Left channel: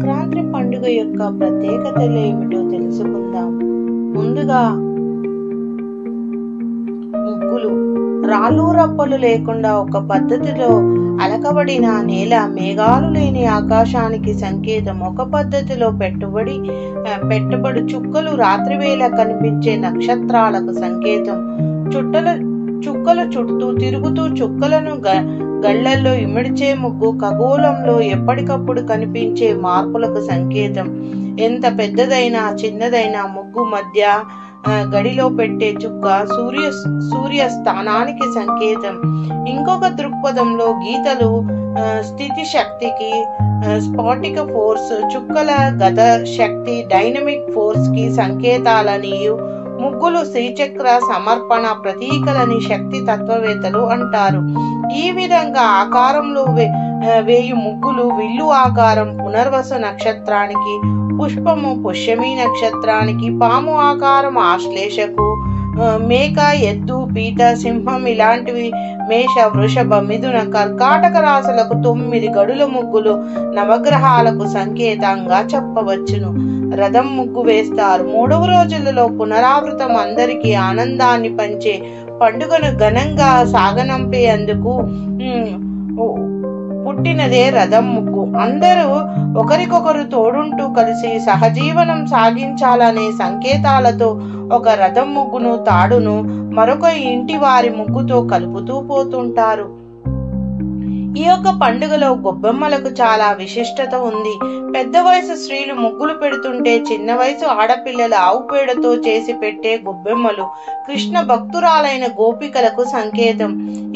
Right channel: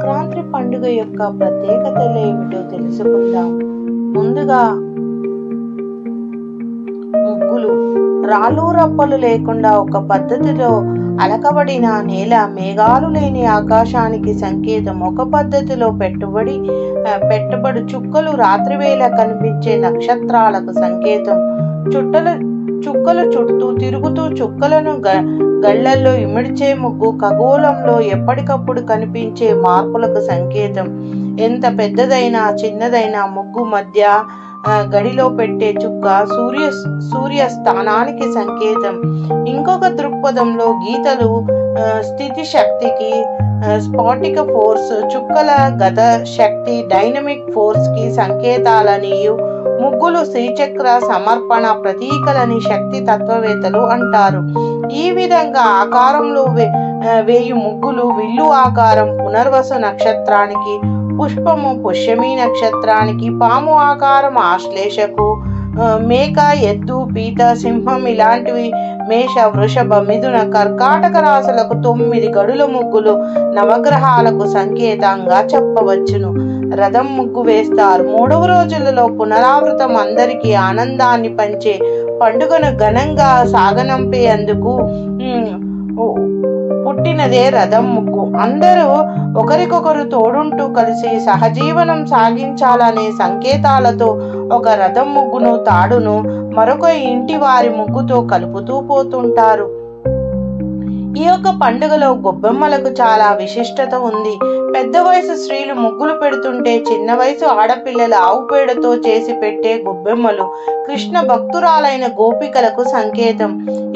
సంక్రాంతి పండుగ యొక్క ప్రత్యేకతలు ఏమిటో తెలుసుకుందాం. ముందుగా ముగ్గులు. రాళ్ళు రప్పలు లేకుండా ఒక పద్ధతిలో అలకబడిన నేల, మేఘాలు లేని ఆకాశానికి సంకేతం. ఒక పద్ధతిలో పెట్టుబడి చుక్కలు రాత్రివేళ కనిపించే నక్షత్రాలకు సంకేతం. చుక్కలు చుట్టూ తిరుగుతూ చుక్కలను గళ్ళల్లో ఇమిడ్చే ముగ్గు ఖగోళంలో ఎప్పటికప్పుడు కనిపించే మార్పులకు సంకేతం. ఎంత పెద్దదైనా చిన్నదైనా ముగ్గు మధ్య గడిలో పెట్టే చుక్క సూర్య స్థానానికి సంకేతం. ఇంకొక దృక్పథంలో గీతలు స్థితి శక్తికి, స్పాటిక ఫోర్స్, చుక్కల గత శక్తి, డైనమిక్ ఫోర్స్ కి సంకేతాలని, ముగ్గులు శ్రీచక్ర సమర్పణ ప్రతీకలని శక్తి తత్వవేత్తలు అంటారు. ఈ విధంగా ఆకారంలో వేయి ముగ్గులు విల్లు ఆకారం పునర్వసు నక్షత్రానికి, పుష్పము పుష్యమి నక్షత్రానికి, పాము ఆకారం ఆశ్లేషకు, మేక, ఎద్దు, పీత, సింహం ఇలాంటివి మేష, వృషభ, మిథున, కర్కాటక రాశులకు 9 గడుల ముగ్గులు నవగ్రహాలకు సంకేతంగా చెప్పవచ్చును. రథం ముగ్గు వేస్తారు. 3వ రోజులలో పునరావృతం అందరికీ ఆనందాన్ని పంచే పండుగను ఘనంగా సాగనంపేందుకు పుట్టినదే రథం ముగ్గు. అందరూ ఒకరికొకరు తోడుంటూ కలిసి సహజీవనం సాగించాలనే సంకేతాలతో ఒక రథం ముగ్గును, తాడును మరొక ఇంటి వారి ముగ్గుతో కలుపుతూ పోతుంటారు. ఈ యొక్క పండుగలో గొబ్బెమ్మలకు చాలా విశిష్టత ఉంది. పెద్ద వయసు స్త్రీలు ముగ్గులు పెడుతుంటే చిన్న వయసు ఆడపిల్లల ఆవు పేడతో చేసి పెట్టే గొబ్బెమ్మలు కృష్ణ భక్తురాలైన గోపికలకు సంకేతం.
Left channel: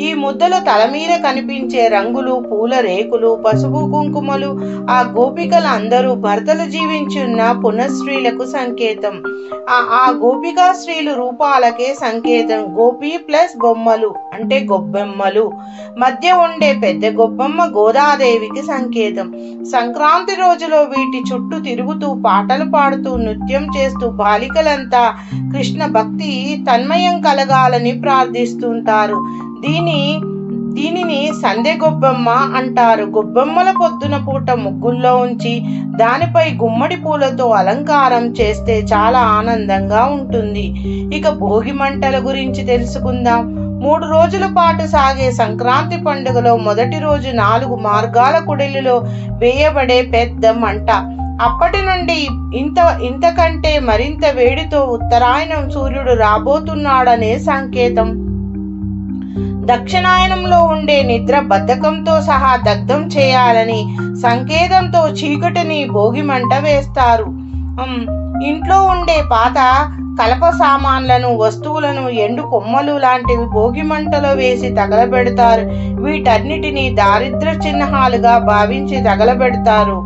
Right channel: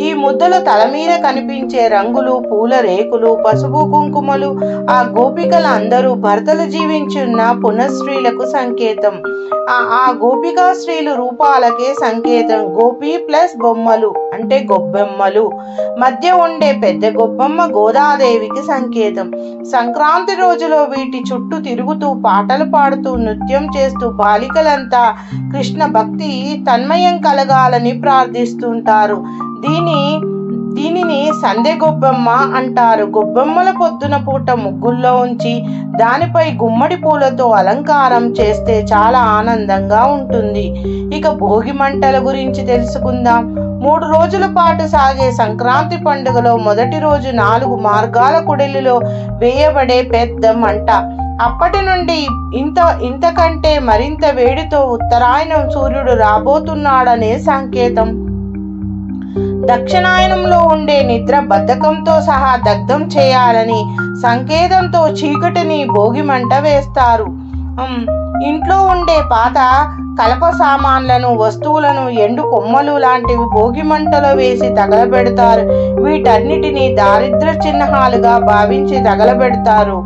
ఈ ముద్దల తల మీద కనిపించే రంగులు, పూల రేకులు, పసుపు కుంకుమలు ఆ గోపికల అందరూ భర్తలు జీవించున్న పునఃస్త్రీలకు సంకేతం. ఆ గోపికా స్త్రీలు రూపాలకే సంకేతం. గోపి ప్లస్ బొమ్మలు అంటే గొబ్బెమ్మలు. మధ్య ఉండే పెద్ద గొబ్బెమ్మ గోదాదేవికి సంకేతం. సంక్రాంతి రోజులో వీటి చుట్టూ తిరుగుతూ పాటలు పాడుతూ నృత్యం చేస్తూ బాలికలంతా కృష్ణ భక్తి తన్మయం కలగాలని ప్రార్థిస్తుంటారు. దీనిని సంధ్య గొబ్బెమ్మ అంటారు. గొబ్బెమ్మల పొద్దున పూట ముగ్గుల్లో ఉంచి దానిపై గుమ్మడి పూలతో అలంకారం చేస్తే చాలా ఆనందంగా ఉంటుంది. ఇక భోగి మంటల గురించి తెలుసుకుందాం. 3 రోజుల పాటు సాగే సంక్రాంతి పండుగలో మొదటి రోజు 4 మార్గాల కుడిలిలో వేయబడే పెద్ద మంట. అప్పటి నుండి ఇంతకంటే మరింత వేడితో ఉత్తరాయణం సూర్యుడు రాబోతున్నాడనే సంకేతం. దక్షిణాయనంలో ఉండే నిద్ర బద్ధకంతో సహా దగ్ధం చేయాలని సంకేతంతో చీకటిని భోగి మంట వేస్తారు. ఇంట్లో ఉండే పాత కలప సామాన్లను, వస్తువులను, ఎండు కొమ్మలు లాంటివి భోగి మంటలో వేసి తగలబెడతారు. వీటన్నిటినీ దారిద్ర చిహ్నాలుగా భావించి తగలబెడతారు.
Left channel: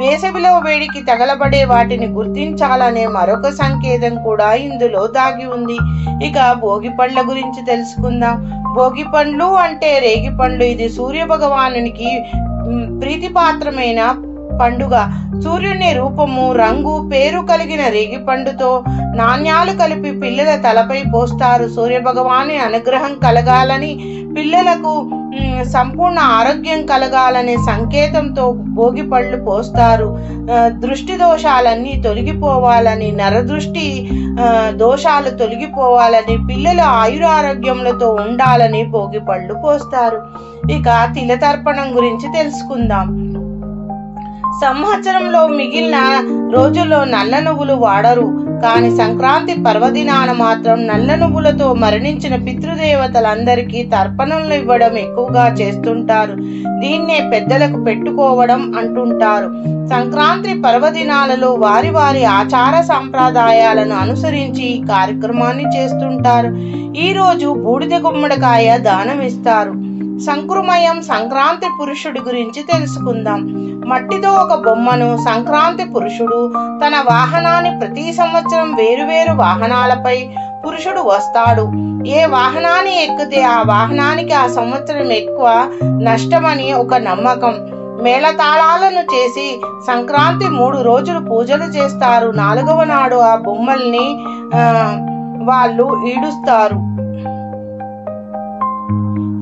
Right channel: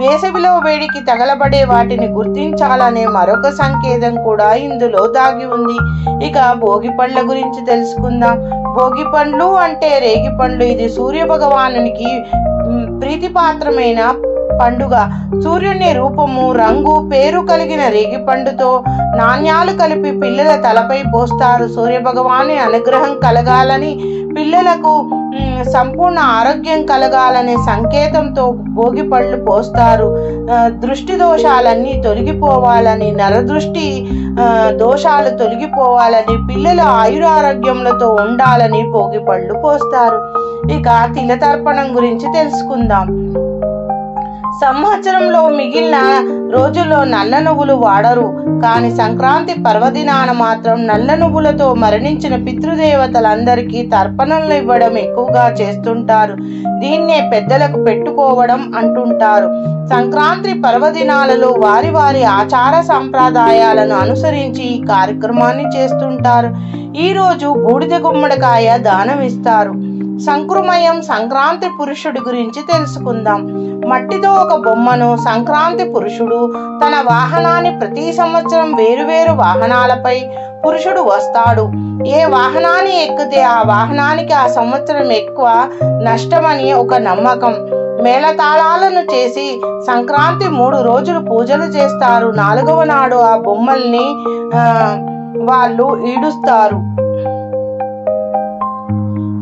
వేసవిలో వేడికి తగలబడే వాటిని గుర్తించాలనే మరొక సంకేతం కూడా ఇందులో దాగి ఉంది. ఇక భోగి పండ్ల గురించి తెలుసుకుందాం. భోగి పండ్లు అంటే రేగి పండ్లు. ఇది సూర్య భగవానునికి ప్రీతిపాత్రమైన పండుగ. సూర్యుని రూపము, రంగు, పేరు కలిగిన రేగి పండుతో నాణ్యాలు కలిపి పిల్లల తలపై పోస్తారు. సూర్య భగవాని అనుగ్రహం కలగాలని, పిల్లలకు సంపూర్ణ ఆరోగ్యం కలగాలనే సంకేతంతో భోగి పళ్ళు పోస్తారు. దృష్టి దోషాలన్నీ తొలగిపోవాలని, నరదృష్టి దోషాలు తొలగిపోవాలని, పిల్లల ఆయురారోగ్యములతో ఉండాలని భోగి పళ్ళు పోస్తారు. ఇక తిలతర్పణం గురించి తెలుసుకుందాం. సంవత్సరంలో మిగిలిన రోజుల్లో నల్ల నువ్వులు వాడరు, కానీ సంక్రాంతి పర్వదినాన మాత్రం నల్ల నువ్వులతో మరణించిన పితృదేవతలందరికీ తర్పణలు ఇవ్వడం ఎక్కువగా చేస్తుంటారు. దీన్నే పెద్దలకు పెట్టుకోవడం అంటుంటారు. సంక్రాంతి పర్వదినాలలో వారి వారి ఆచార సంప్రదాయాలను అనుసరించి ఈ కార్యక్రమాన్ని చేస్తుంటారు. ఈ రోజు బూడిద గుమ్మడికాయ దానం ఇస్తారు. సంకృమయం సంక్రాంతి పురుషుడి గురించి తెలుసుకుందాం. మట్టితో ఒక బొమ్మను సంక్రాంతి పురుషుడు తన వాహనాన్ని ప్రతి సంవత్సరం వేరువేరు వాహనాలపై పురుషుడు వస్తాడు. ఏ వాహనాన్ని ఎక్కితే ఆ వాహనానికి ఆ సంవత్సరం ఎక్కువ నష్టమని ఒక నమ్మకం. మేళతాళాలను చేసి సంక్రాంతి 3 రోజులు పూజలు చేస్తారు. 4వ నాడు ఆ బొమ్మల్ని వాళ్ళు ఈడుస్తారు.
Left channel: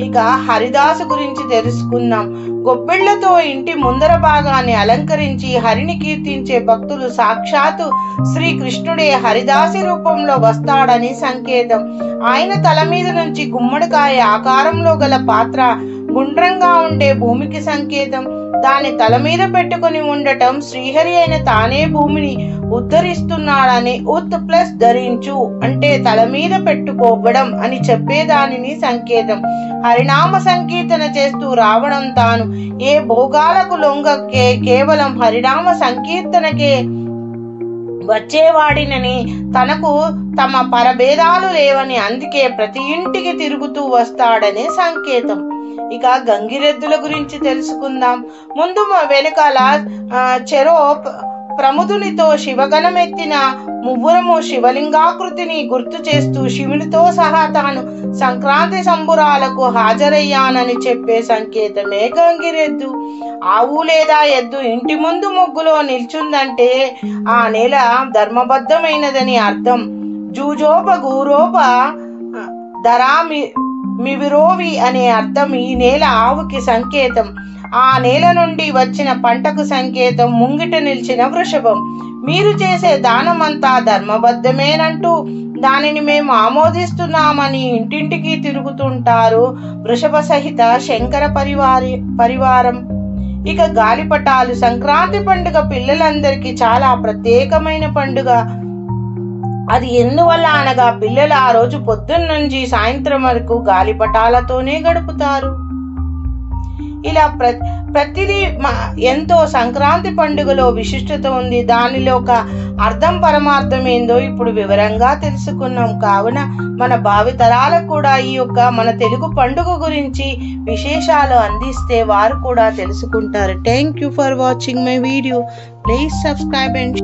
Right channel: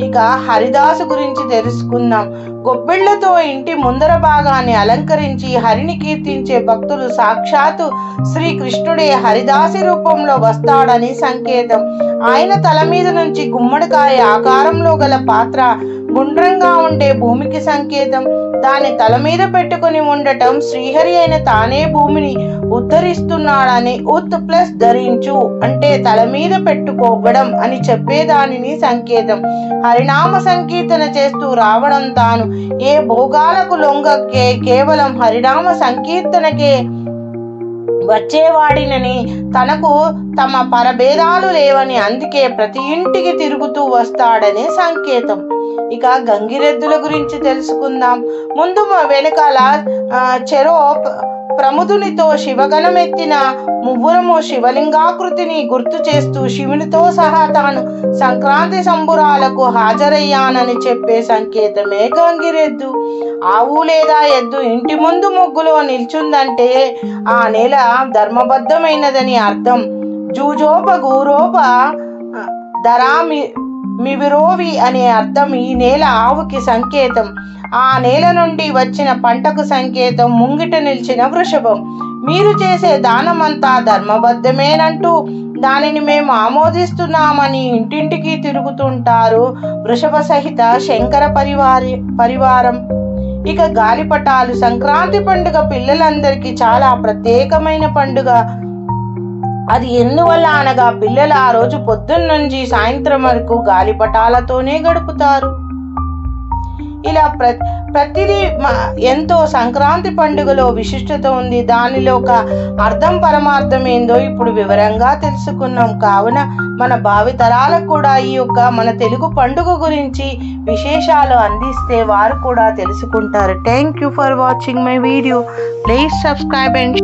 ఇక హరిదాసు గురించి తెలుసుకుందాం. గొబ్బిళ్లతో ఇంటి ముందర భాగాన్ని అలంకరించి హరిని కీర్తించే భక్తులు సాక్షాత్తు శ్రీకృష్ణుడే హరిదాసి రూపంలో వస్తాడని సంకేతం. ఆయన తల మీద నుంచి గుమ్మడికాయ ఆకారంలో గల పాత్ర గుండ్రంగా ఉండే భూమికి సంకేతం. దాన్ని తల మీద పెట్టుకుని ఉండటం శ్రీహరి అయిన తానే భూమిని ఉద్ధరిస్తున్నాడని, ఉత్ ప్లస్ ధరించు అంటే తల మీద పెట్టుకోవడం అని చెప్పేదానిని సంకేతం. హరినామ సంకీర్తన చేస్తూ రావడం తాను ఏ భోగాలకు లొంగకే కేవలం హరినామ సంకీర్తనకే వచ్చేవాడినని, తనకు తమ పరభేదాలు లేవని, అందుకే ప్రతి ఇంటికి తిరుగుతూ వస్తాడనే సంకేతం. ఇక గంగిరెద్దుల గురించి తెలుసుకుందాం. ముందు వెనకాల చెరో ప్రముదునితో శివగణమెత్తిన మువ్వురము శివలింగాకృతిని గుర్తు చేస్తూ శివునితో సహా తాను సంక్రాంతి సంబురాలకు హాజరయ్యానని చెప్పే సంకేతమే గంగిరెద్దు. ఆవు లేదా ఎద్దు ఇంటి ముందు ముగ్గులో నిల్చుందంటే ఆ నేల ధర్మబద్ధమైనదని అర్థం. జూజోప గూరోప ధరామి మివిరోవి అనే అర్థం ఈ నేల ఆవుకి సంకేతం. ఆ నేల నుండి వచ్చిన పంటకు సంకేతం ముంగిట నిలిచిన వృషభం. మీరు చేసే దానమంతా ధర్మబద్ధమేనంటూ దానిని మేము ఆమోదిస్తున్నామని ఇంటింటికి తిరుగుతుంటారు వృషభ సహిత శంకర పరివారం. ఇక గాలిపటాలు. సంక్రాంతి పండుగ పిల్లలందరికీ చాలా ప్రత్యేకమైన పండుగ. అది ఎందువల్ల అనగా పిల్లలు ఆ రోజు పొద్దున్న నుంచి సాయంత్రం వరకు గాలిపటాలతోనే గడుపుతారు. ఇలా ప్రతిదీ ఎంతో సంక్రాంతి పండుగలో విశిష్టత ఉంది. దానిలో ఒక అర్థం పరమార్థం ఏందో ఇప్పుడు వివరంగా తెలుసుకున్నాం. కావున మన భావితరాలకు కూడా ఈ యొక్క మన తెలుగు పండుగ గురించి విశేషాలు అందిస్తే వారు కూడా తెలుసుకుంటారు. Thank you for watching my video. Please subscribe and